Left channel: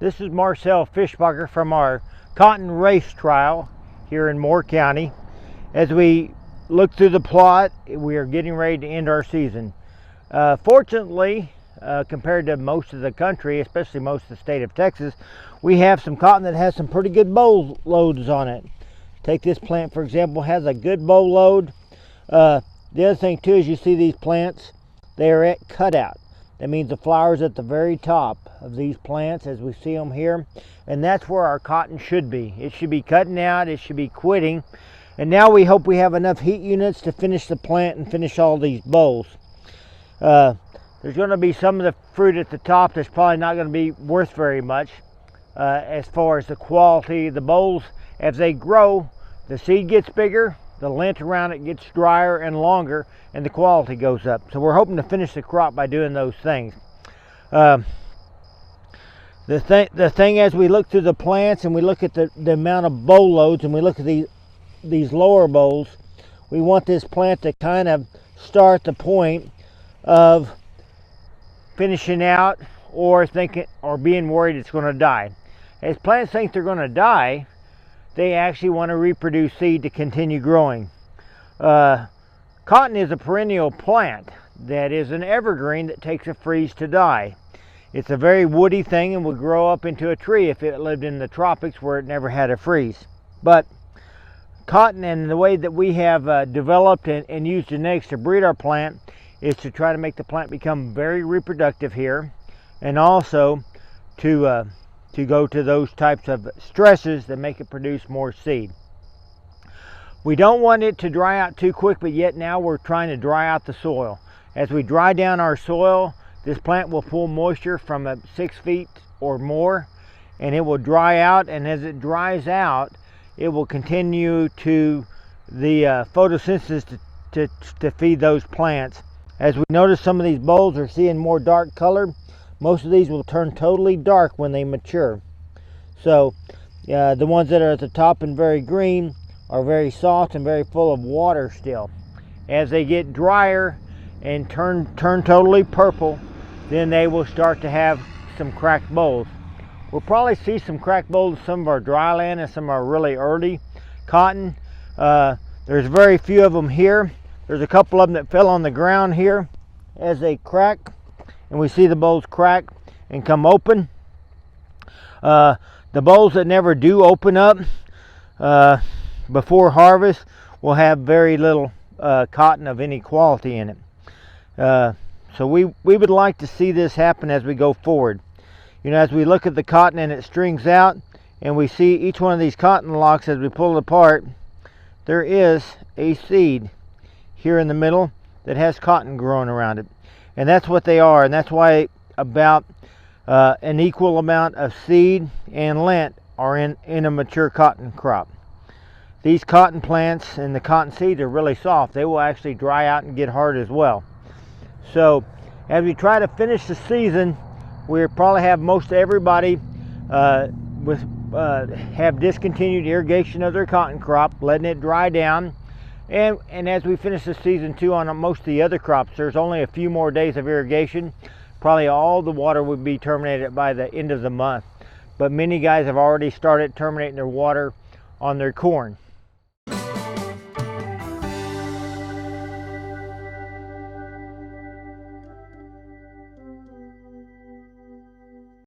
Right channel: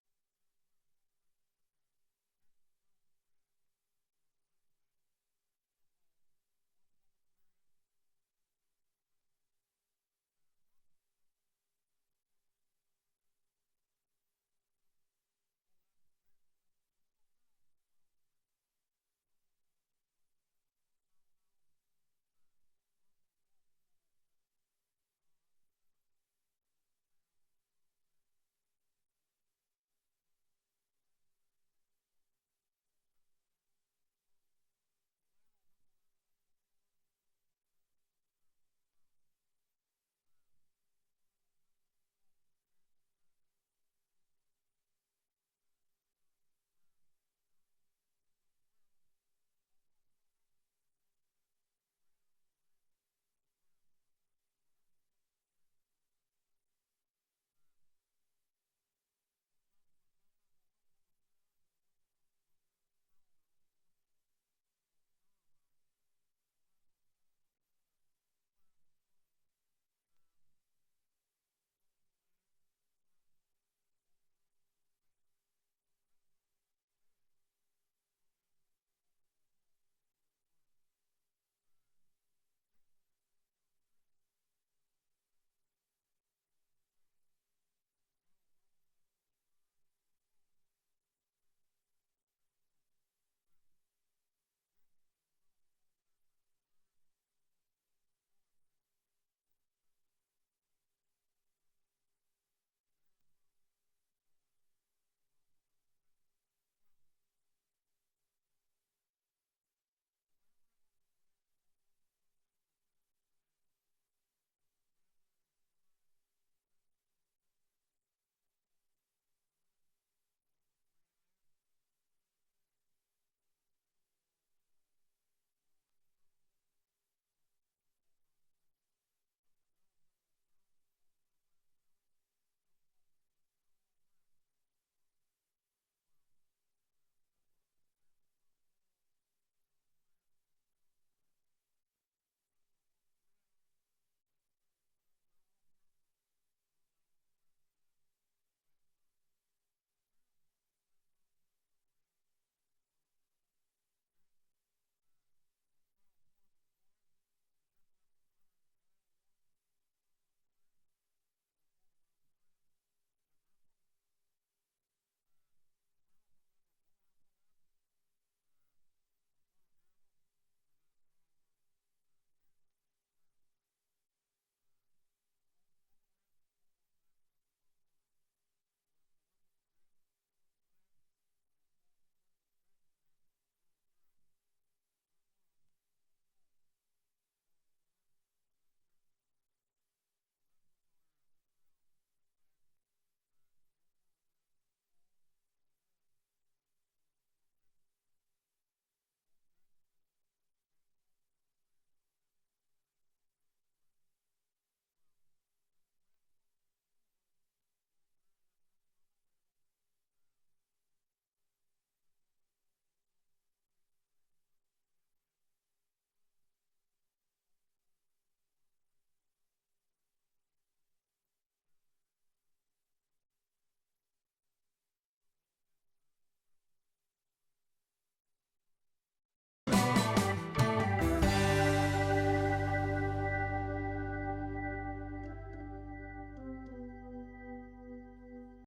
This is Marcel Fischbacher from our cotton race trial here in Moore County. As we look through the plot, we are getting ready to end our season. Fortunately, compared to most of the country, especially most of the state of Texas, we have some cotton that has some pretty good boll loads on it. Take this plant, for example, has a good boll load. The other thing too is you see these plants, they are at cutout. That means the flower's at the very top of these plants as we see them here. And that's where our cotton should be. It should be cutting out, it should be quitting. And now we hope we have enough heat units to finish the plant and finish all these bolls. There's going to be some of the fruit at the top that's probably not going to be worth very much as far as the quality. The bolls, as they grow, the seed gets bigger, the lint around it gets drier and longer, and the quality goes up. So we're hoping to finish the crop by doing those things. The thing as we look through the plants and we look at the amount of boll loads and we look at these lower bolls, we want this plant to kind of start the point of finishing out or thinking or being worried it's going to die. As plants think they're going to die, they actually want to reproduce seed to continue growing. Cotton is a perennial plant that is an evergreen that takes a freeze to die. It's a very woody thing and would grow up into a tree if it lived in the tropics where it never had a freeze. But cotton, and the way that we have developed and used genetics to breed our plant, is to try to make the plant become very reproductive here, and also to go to those types of stresses that make it produce more seed. We don't want it to dry out too quick, but yet now we're trying to dry out the soil. As we dry down our soil, this plant will pull moisture from 6 feet or more, and it will dry out, and as it dries out, it will continue to the photosynthesis to feed those plants. As we notice, some of these bolls are seeing more dark color. Most of these will turn totally dark when they mature. So the ones that are at the top and very green are very soft and very full of water still. As they get drier and turn totally purple, then they will start to have some cracked bolls. We'll probably see some cracked bolls in some of our dry land and some of our really early cotton. There's very few of them here. There's a couple of them that fell on the ground here as they crack, and we see the bolls crack and come open. The bolls that never do open up before harvest will have very little cotton of any quality in it. So we would like to see this happen as we go forward. You know, as we look at the cotton and it strings out, and we see each one of these cotton locks as we pull it apart, there is a seed here in the middle that has cotton growing around it. And that's what they are, and that's why about an equal amount of seed and lint are in a mature cotton crop. These cotton plants and the cotton seeds are really soft. They will actually dry out and get hard as well. So as we try to finish the season, we'll probably have most everybody have discontinued irrigation of their cotton crop, letting it dry down. And as we finish the season too on most of the other crops, there's only a few more days of irrigation. Probably all the water would be terminated by the end of the month. But many guys have already started terminating their water on their corn.